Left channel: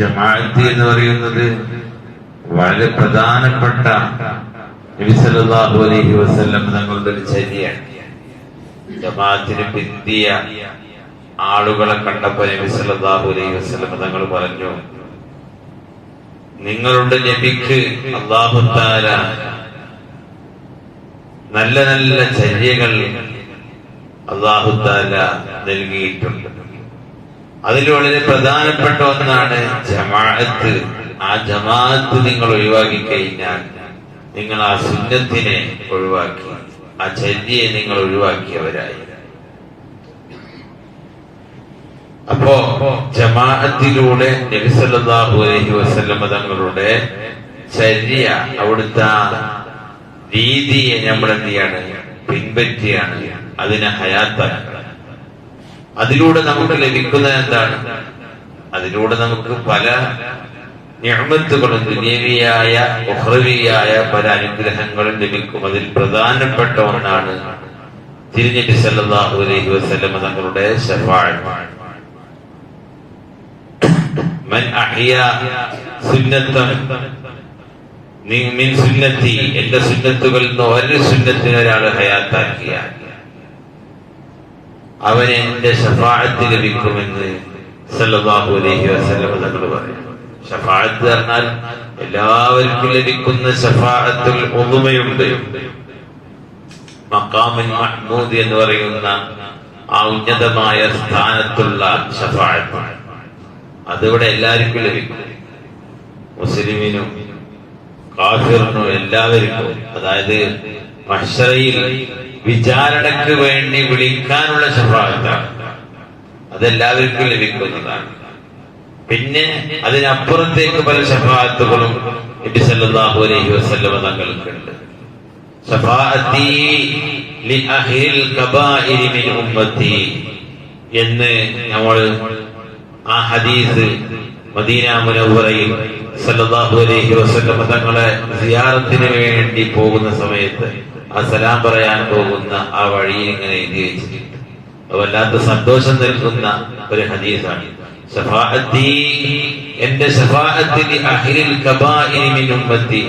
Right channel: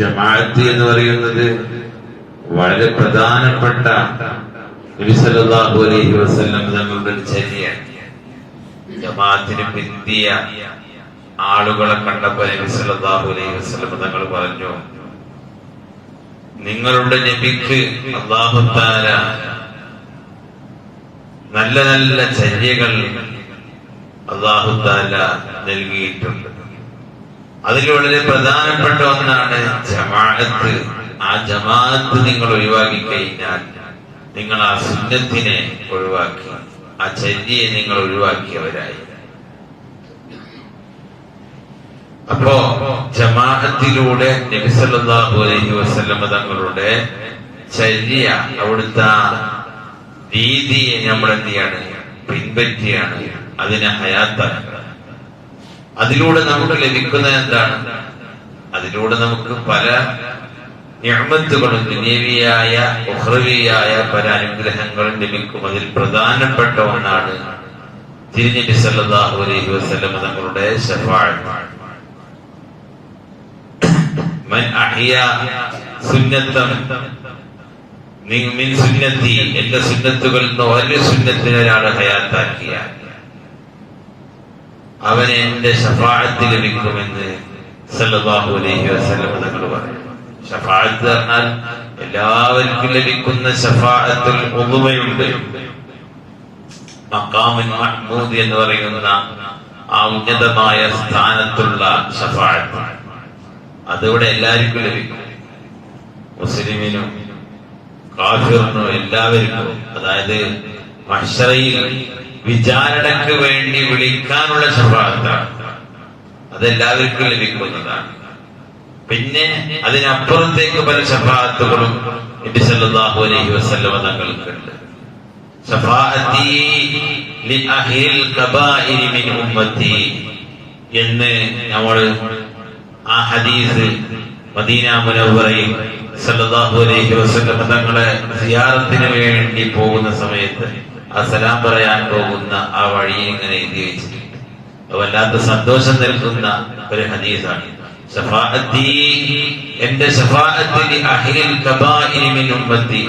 ജമാഅത്ത് എന്ന് പറയുന്നത് വളരെ പ്രധാനപ്പെട്ട അലൈഹി വസല്ലം തങ്ങളുടെ ഒരു ജമാഅത്തിന് പിന്തിയ ആളുകളെ കണ്ടപ്പോ സല്ലല്ലാഹു അലൈഹി വസല്ലം തങ്ങൾ പറഞ്ഞു നിങ്ങളുടെ നബിക്ക് തആല നല്ല നല്ല ചര്യകൾ തആല നൽകിയിട്ടുണ്ട്. അതിൽ വളരെ പ്രധാനപ്പെട്ട ഒന്നാണ് ജമാഅത്ത്. ആ ജമാഅത്ത് നിങ്ങൾ ഒഴിവാക്കി കഴിഞ്ഞാൽ നിങ്ങൾ ആ സുന്നത്തിനെ ഒഴിവാക്കി ആ ചര്യയെ നിങ്ങൾ ഒഴിവാക്കിയവരായി. അപ്പോ ജമാഅത്തിലൂടെ നബിസല്ലാഹു അലൈഹി വസല്ലമ തങ്ങളുടെ ചര്യ അവിടുത്തെ രീതിയെ നമ്മൾ എന്ത് ചെയ്യാണ്? പിൻപറ്റിയാണ്. അതിനെ ഹയാത്താക്കുക അതിലൂടെ നമുക്ക് ലഭിക്കുന്ന എന്താണ്? അതിലൂടെ നമുക്ക് പല ഞാമത്തുകളും ദുന്യവിയായ ഉഹ്രവിയായ പല അനുഗ്രഹങ്ങളും ലഭിക്കും. അതിൽ പ്രധാനപ്പെട്ട ഒന്നാണ് തിരുനബി സല്ലല്ലാഹു അലൈഹി വസല്ലം തങ്ങളുടെ ശഫാഅത്ത്. മൻ അഹിയ സുന്നത്തൻ മിൻ- മിൻ സുന്നത്തി എന്റെ സുന്നത്തുകളിൽ നിന്ന് ഒരു സുന്നത്തിനൊരാൾ ഹയാത്താക്കിയാൽ അവന് എന്റെ ഷഫാഴത്ത് ലഭിക്കുമെന്ന് സല്ലാഹു അലൈഹി വസല്ലം തങ്ങൾ പറയും. ഷഫാഴത്ത് പറഞ്ഞാൽ എല്ലാവർക്കും ലഭിക്കുന്ന ഷഫാഴത്തിൽ ഒതുമയുണ്ട് മക്കാമുൻ മഹ്മൂദ് എന്ന് പറയുന്ന ആ ഉന്നതമായ സ്ഥാനത്തുള്ള ഷഫാഴത്ത് അതിവിടെ എല്ലാവർക്കും ലഭിക്കും. മുസ്ലിമിനും കാഫിറിനും എല്ലാവർക്കും. അതായത് മഹ്ഷറയിൽ വിചാരണയ്ക്ക് വേണ്ടി വിളിക്കാനുള്ള ശഫാഅത്താണ് അതെല്ലാവർക്കും ലഭിക്കുന്നതാണ്. പിന്നെ അതിനപ്പുറത്തേക്ക് പല ശഫാഅത്തുകളും നബി സല്ലല്ലാഹു അലൈഹി വസല്ലമ തങ്ങൾക്കുണ്ട്. മിൻ ഉമ്മത്തി എന്ന് നമ്മൾ ആ ഹദീസ് മദീന മുനവ്വറയിൽ സല്ലല്ലാഹു അലൈഹി വസല്ലമ തങ്ങളെ സിയാറത്തിന് വേണ്ടി പോകുന്ന സമയത്ത് ആ സലാം പറയാൻ പോകുന്ന ആ വഴിയിൽ ഇങ്ങനെ എഴുതി വെച്ചിട്ടുണ്ട്. വല്ലാത്ത സന്തോഷം നൽകുന്ന ഒരു ഹദീസാണ്. എന്റെ ഉമ്മത്തി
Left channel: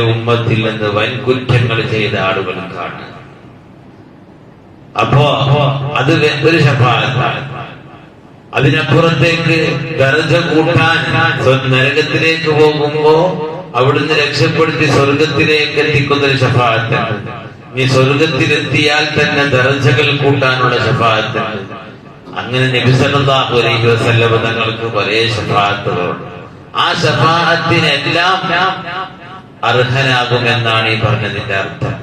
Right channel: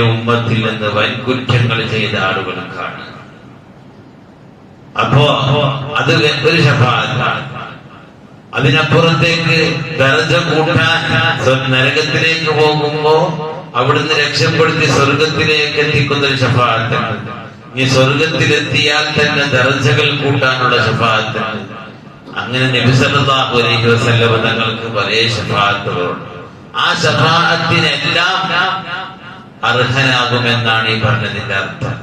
ഉമ്മത്തിൽ നിന്ന് വൻ കുറ്റങ്ങൾ ചെയ്ത ആളുകൾക്കാണ് അപ്പോ അത് ഒരു ശഫാഅത്താണ് അതിനപ്പുറത്തേക്ക് ദർജ കൂട്ടാൻ നരകത്തിലേക്ക് പോകുമ്പോ അവിടുന്ന് രക്ഷപ്പെടുത്തി സ്വർഗത്തിലേക്ക് എത്തിക്കുന്ന ഒരു ശഫാത്താണ് ഈ സ്വർഗത്തിലെത്തിയാൽ തന്നെ ദർജകൾ കൂട്ടാനുള്ള ശഫാഅത്തുണ്ട് അങ്ങനെ നബിസല്ലാഹു അലൈഹി വസല്ലമ തങ്ങൾക്ക് പല ശഫാഅത്തുകളുണ്ട് ആ ശഫാഹത്തിനെല്ലാം അർഹനാകുമെന്നാണ് ഈ പറഞ്ഞതിന്റെ അർത്ഥം.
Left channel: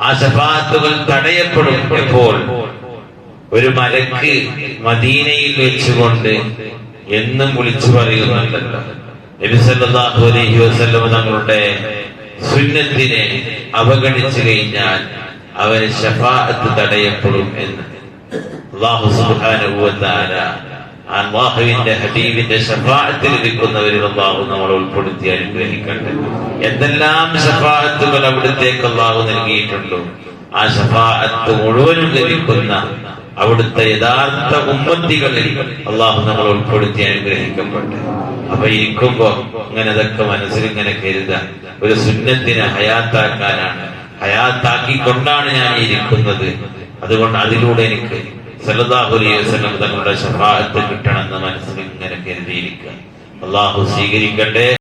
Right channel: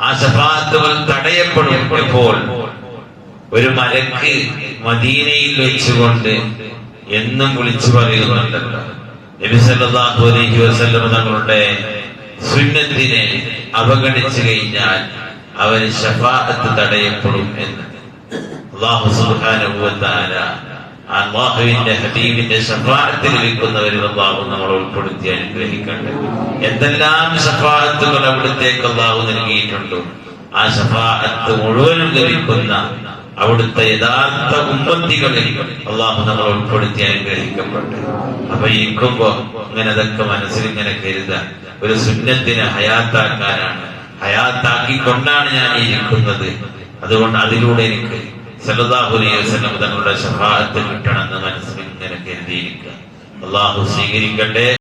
ആ ശഫാത്തുകൾ തടയപ്പെടും എപ്പോൾ ഒരു മലക്ക് മദീനയിൽ വെച്ചുകൊണ്ട് എന്നും വിളിച്ചു പറയുന്നുണ്ടല്ലോ. തങ്ങളുടെ സുന്നത്തിനെ അവഗണിച്ചു കഴിഞ്ഞാൽ അവന് ഷഫാഅത്ത് തടയപ്പെടും എന്ന്. അള്ളാഹു തആല അള്ളാഹുവിന്റെ ഹബീബിന്റെ ഷഫാഅത്ത് ലഭിക്കുന്നവരിൽ അള്ളാഹു നമ്മളെ ഉൾപ്പെടുത്തി അനുഗ്രഹിക്കട്ടെ. എന്തെല്ലാം ഷഫാഅത്തുകൾ അവിടുത്തേക്ക് അള്ളാഹു നൽകിയിട്ടുണ്ടോ. ആ ഷഫാഅത്ത് മുഴുവനും ലഭിക്കുന്ന അവിടുത്തെ യഥാർത്ഥ ഉമ്മത്തികളിൽ അള്ളാഹു നമ്മൾ ഉൾപ്പെടുത്തി അനുഗ്രഹിക്കപ്പെട്ടു. അപ്പൊ ഇരിക്കുമ്പോ ഇങ്ങനെ അതൊക്കെ മനസ്സിൽ ഇങ്ങനെ കരുതാൻ ഒരു സുന്നത്തിനെ ഹയാത്താക്കാനാണ്. ഹയാത്താക്കിക്കൊണ്ടാണ് ഞാൻ ഇരിക്കുന്നത്. അതുകൊണ്ട് അതിലൂടെ എനിക്ക് വസല്ലം തങ്ങളുടെ ഷഫാഅത്ത് കിട്ടണമെന്ന് മനസ്സിൽ ഇങ്ങനെ കരുതിയിരിക്കുക. അള്ളാഹു സ്വീകരിക്കട്ടെ.